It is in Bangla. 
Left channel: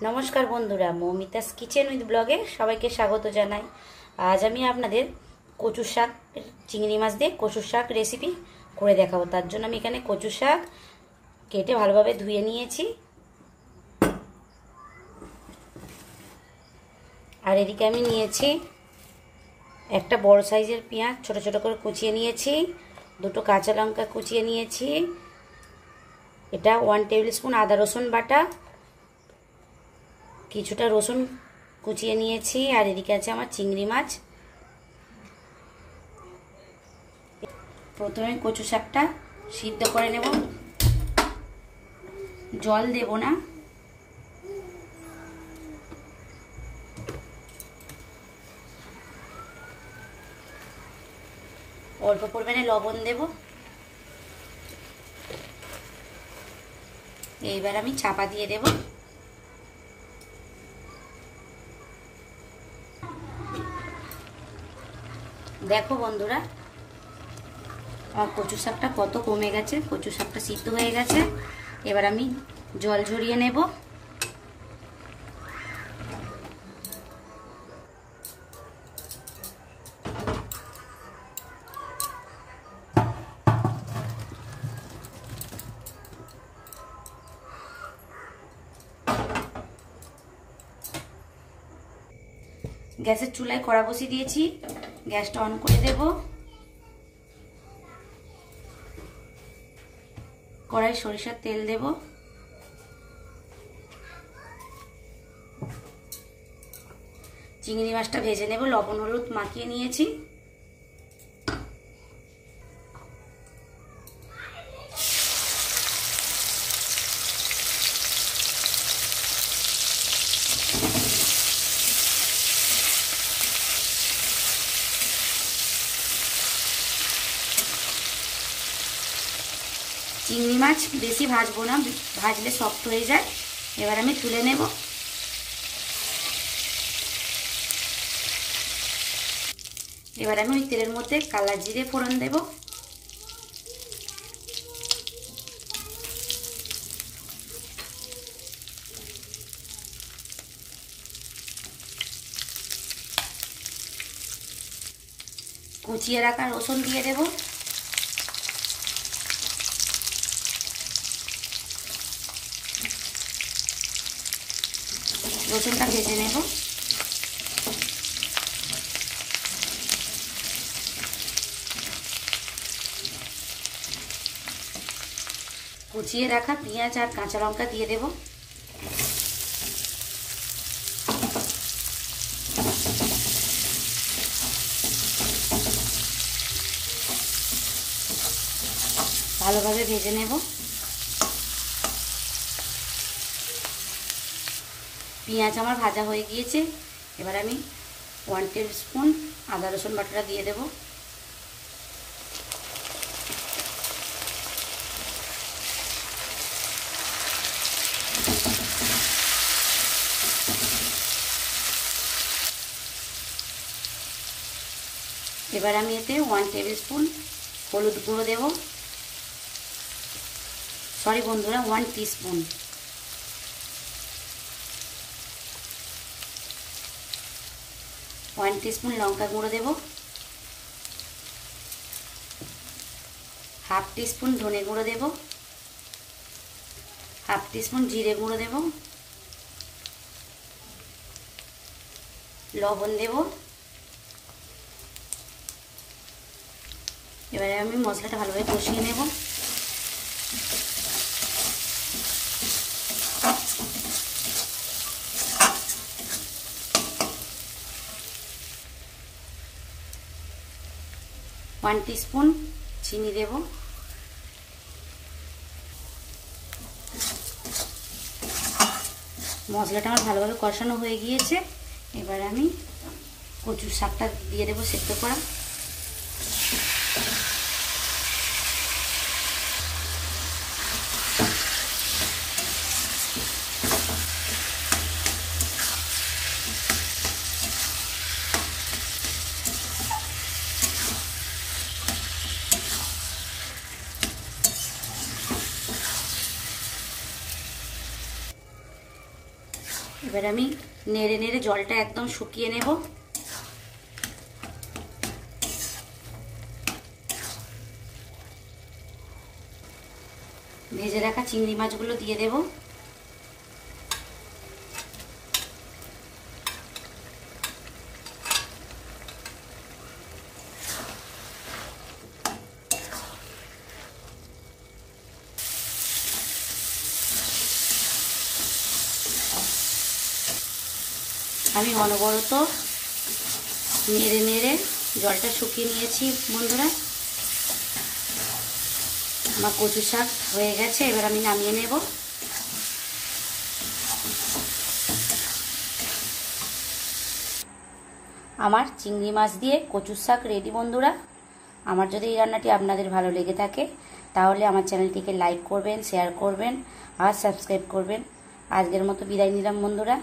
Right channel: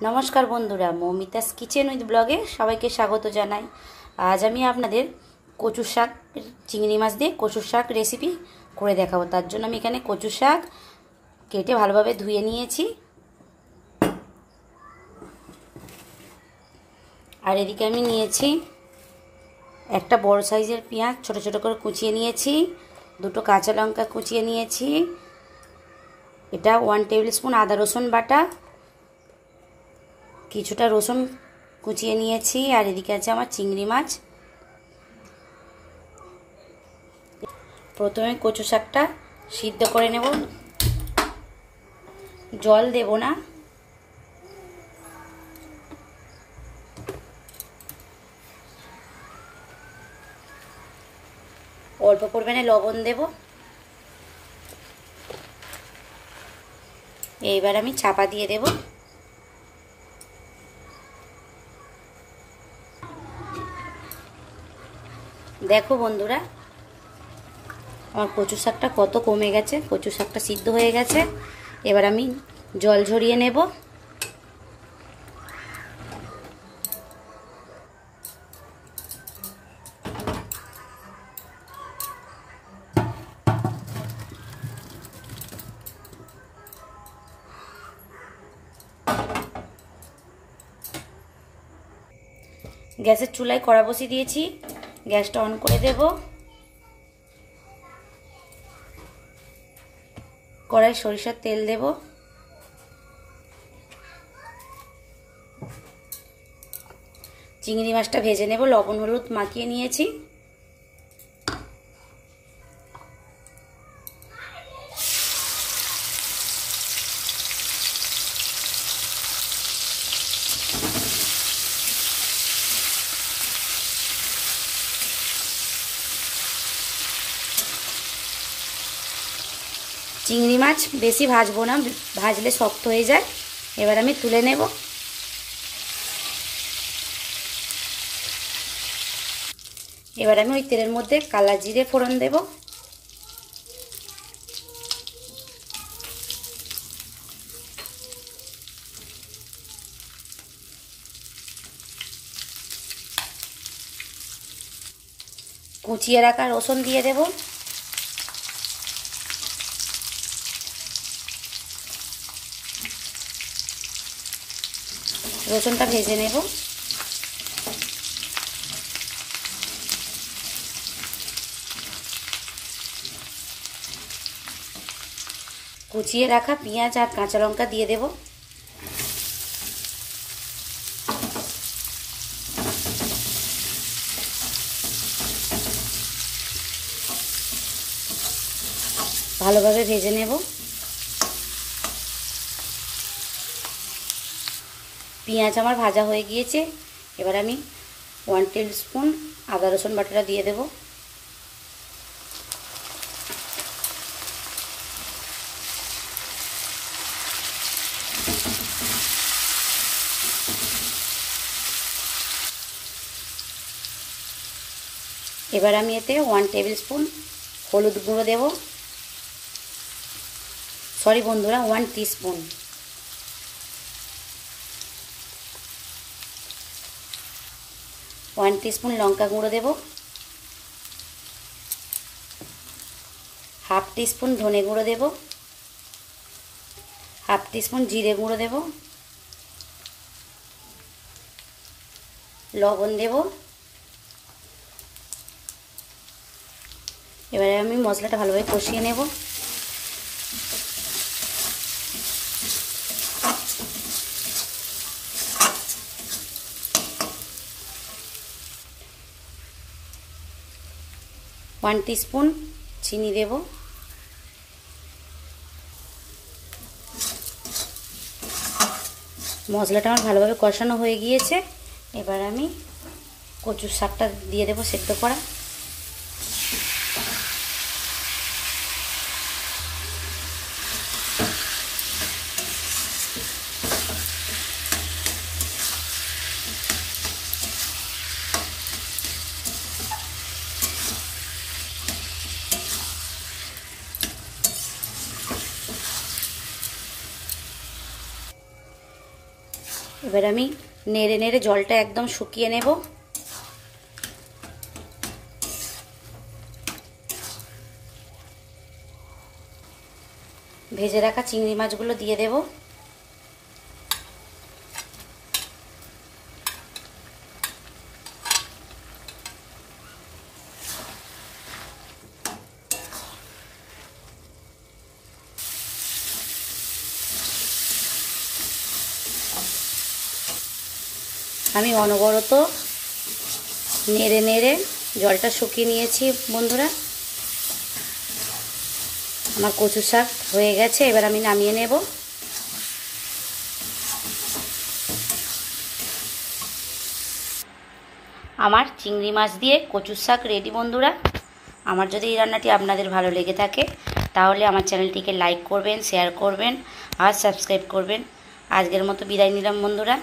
নমস্কার বন্ধুরা, মৌমিতাস কিচেন উইথ ব্লগে সবাইকে স্বাগত জানাই। আজ আমি আপনাদের কচু শাক, চিংড়ি মাছ দিয়ে কচু শাক রেসিপি করে দেখাবো। তার জন্য আমি এখানে কচু শাক কেটে ভালোভাবে ধুয়ে নিয়েছি। আর এদিকে আমি নিয়েছি একটা বড় সাইজের পেঁয়াজ ছোট ছোট করে কুচিয়ে নিয়েছি, দুটো কাঁচা লঙ্কা কুচিয়ে নিয়েছি, এটা 1 টেবিল স্পুন আদা রসুন বাটা, কিছুটা রসুন কুচিয়ে নিয়েছি। আর এদিকে আছে আমার চিংড়ি মাছ। প্রথমে কচু শাকটা সিদ্ধ করে নেব, জল দেব না। অল্প পরিমাণে লবণ দেব। এইবার আমি চাপা দিয়ে দেব। দেখো বন্ধুরা, আমার কচু শাকটা কত কমে গেছে, কচু শাকটা সিদ্ধ হয়ে গেছে। এবার আমি জল ঝরিয়ে নেব। গ্যাসের চুলায় কড়া বসিয়ে দিয়েছি, গ্যাসটা অন করে দেব। কড়াই সরিষার তেল দেব। চিংড়ি মাছটা ভেজে নেব, লবণ হলুদ মাখিয়ে নিয়েছি। চিংড়ি মাছ বেশি ভাজবো না, ভাজলে শক্ত হয়ে যায়। এবার আমি তুলে নেব। এবার আমি ওই তেলের মধ্যে কালা জিরে ফোড়ন দেব। কুচিয়ে রাখা রসুন দিয়ে দেব। রসুনটা ভেজে নেব। কুচিয়ে রাখা পেঁয়াজ আর কাঁচা লঙ্কা দিয়ে দেব। ভালোভাবে ভেজে নেব। পেঁয়াজ আমার ভাজা হয়ে গিয়েছে। এবার আমি 1 টেবিল স্পুন আদা রসুন বাটাটা দিয়ে দেব। এবার আমি এতে 1 টেবিল স্পুন হলুদ গুঁড়ো দেব। সরি বন্ধুরা, 1 টিস্পুন। ওয়ান টিস্পুন লঙ্কা গুঁড়ো দেব। হাফ টিস্পুন ধনে গুঁড়ো দেব। হাফ টিস্পুন জিরে গুঁড়ো দেব। লবণ দেব। এবারে আমি মশলাটা ভালোভাবে কষিয়ে নেব। ওয়ান টিস্পুন চিনি দেব। মশলাটা আমার ভালোভাবে কষানো হয়ে গিয়েছে। এবার আমি কচুর শাকটা দিয়ে দেব সেদ্ধ করা। এবার আমি নেড়ে নেড়ে জলটা একদম শুকিয়ে নেব। ভেজে রাখা চিংড়ি মাছগুলো দিয়ে দেব। আমি অনবরত নেড়ে নেড়ে জলটা শুকিয়ে নিয়েছি বন্ধুরা। আমার কচু শাক হয়ে গেছে, এবার আমি নামিয়ে নেব। আমার চিংড়ি মাছ দিয়ে কচুর শাক রেডি বন্ধুরা। আমার যদি এই রান্নাটি আপনাদের ভালো লেগে থাকে তাহলে আমার চ্যানেলটিকে লাইক করবেন, শেয়ার করবেন আর সাবস্ক্রাইব করবেন। আজকের মতো বিদায় নিলাম বন্ধুরা।